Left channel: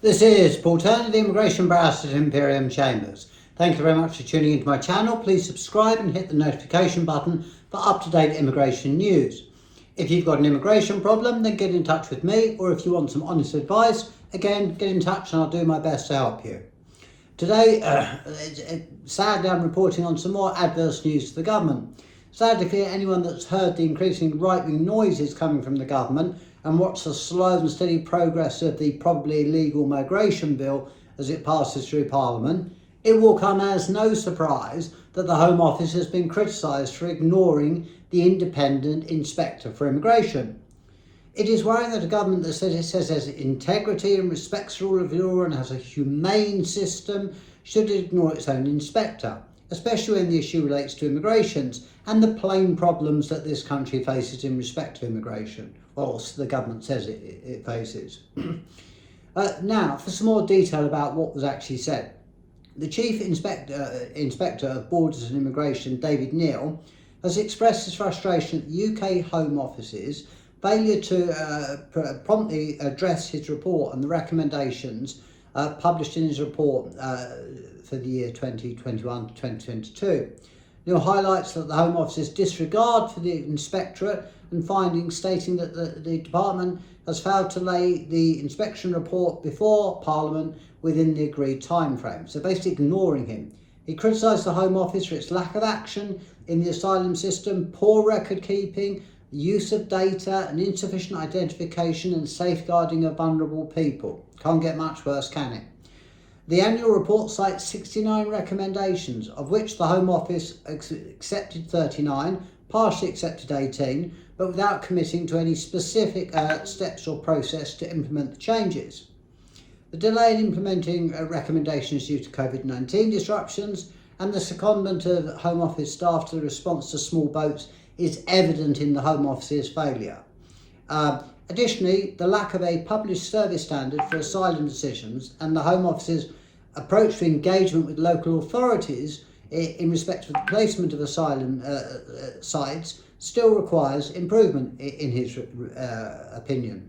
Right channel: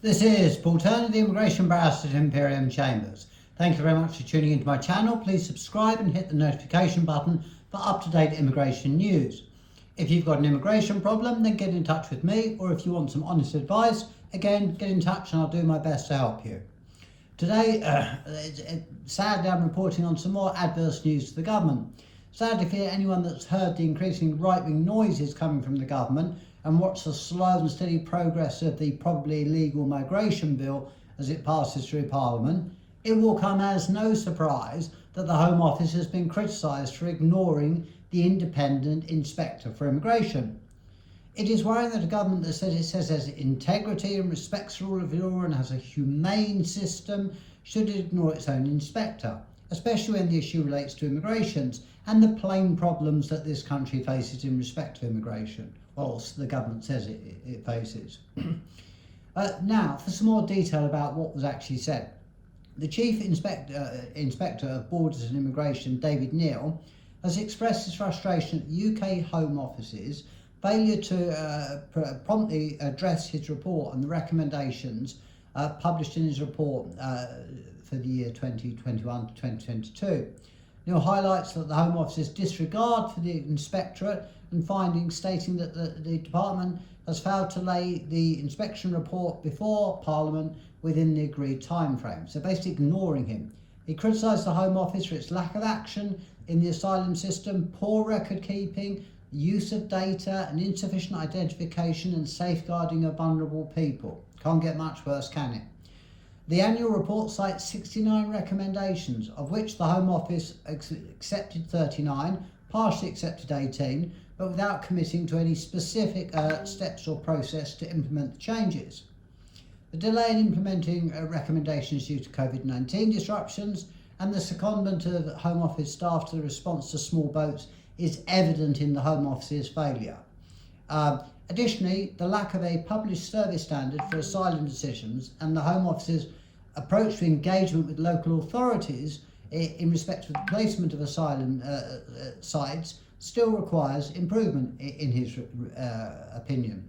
This is Paul Turner, the Immigration Barrister at Imperium Chambers. Thank you very much for tuning into my channel. Please subscribe and hit the notification button for up-to-date immigration news. If you've got an immigration problem, then get in touch with me, or if you want some honest advice, again, get in touch and I'll do my best to help you. Today, sadly, I'm reporting on some more adverse news to the government. Sadly, for anyone that's heard the increasing right-wing noises coming from the government and watched the slow and steady progress of the probably illegal migration bill as it passes through Parliament, it will come as no surprise that the Home Office has been criticised for ignoring the independent inspector for immigration. It is worrying that a government that says it has integrity and respects the rule of law and has a humane system should ignore its own inspector, especially when the issue relates to immigrations and the plain problems that this country faces in respect to immigration. Well, the government says it faces. Now, for some more detail about what was actually said. The Chief Inspector of Borders and Immigration, David Neal, has expressed his frustration at the UK Home Office's failure to promptly address his report and the recommendations published in his report for the year 2021 to 2022. Neal highlights that the Home Office's disregard for the inspectorate and findings stating that the department has failed to lay the inspection report before Parliament within the agreed time frame, so basically ignoring him. He criticised the Home Office for its lack of action in the asylum system, poor record keeping, use of data and insufficient identification and safeguarding of vulnerable people. Can't get much worse, can it? The annual report cites 69 recommendations, of which the Home Office accepted 39, partially accepted 18, but without committing to any specific steps or process to implement the changes. The delay in implementing recommendations due to COVID-19 disruptions and the secondment of Home Office staff to the response to small boats is evident in the Home Office's failure. Additionally, the lack of a published service standard for asylum decisions and the Home Office's approach to engagement with local authorities in respect of the placement of asylum sites still requires improvement, in his opinion.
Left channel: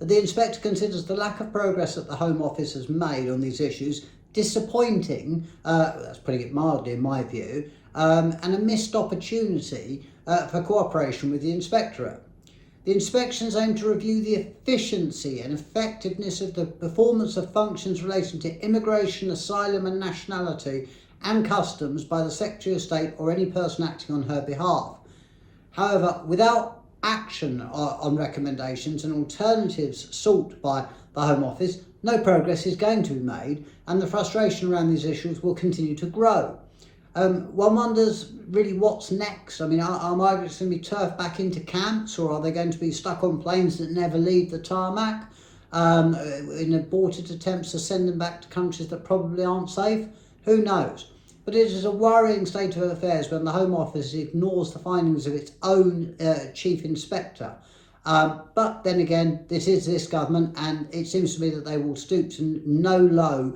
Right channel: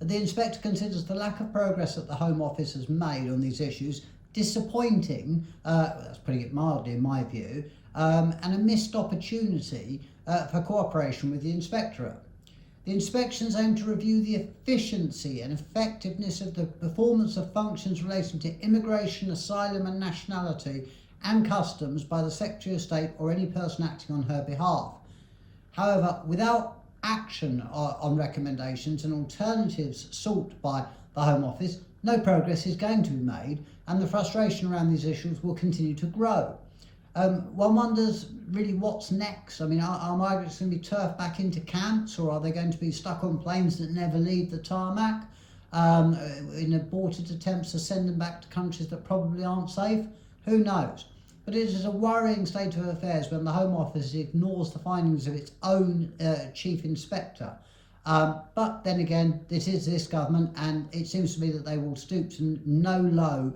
The inspector considers the lack of progress that the Home Office has made on these issues disappointing, that's putting it mildly in my view, and a missed opportunity for cooperation with the inspectorate. The inspections aim to review the efficiency and effectiveness of the performance of functions relating to immigration, asylum and nationality and customs by the Secretary of State or any person acting on her behalf. However, without action on recommendations and alternatives sought by the Home Office, no progress is going to be made and the frustration around these issues will continue to grow. One wonders really what's next. I mean, are migrants going to be turfed back into camps, or are they going to be stuck on planes that never leave the tarmac in aborted attempts to send them back to countries that probably aren't safe? Who knows? But it is a worrying state of affairs when the Home Office ignores the findings of its own chief inspector. But then again, this is this government, and it seems to me that they will stoop to no low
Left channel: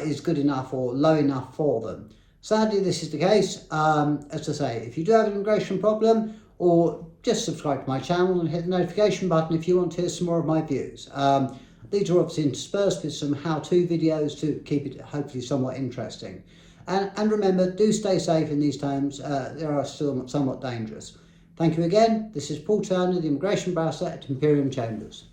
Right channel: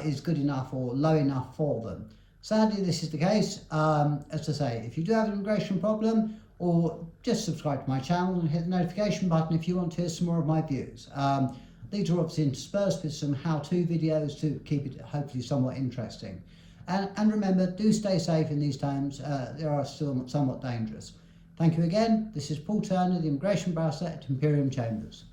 is good enough or low enough for them. Sadly, this is the case. As I say, if you do have an immigration problem, or just subscribe to my channel and hit the notification button if you want to hear some more of my views. These are obviously interspersed with some how-to videos to keep it hopefully somewhat interesting. And remember, do stay safe in these times. They are still somewhat dangerous. Thank you again. This is Paul Turner, the Immigration Barrister at Imperium Chambers.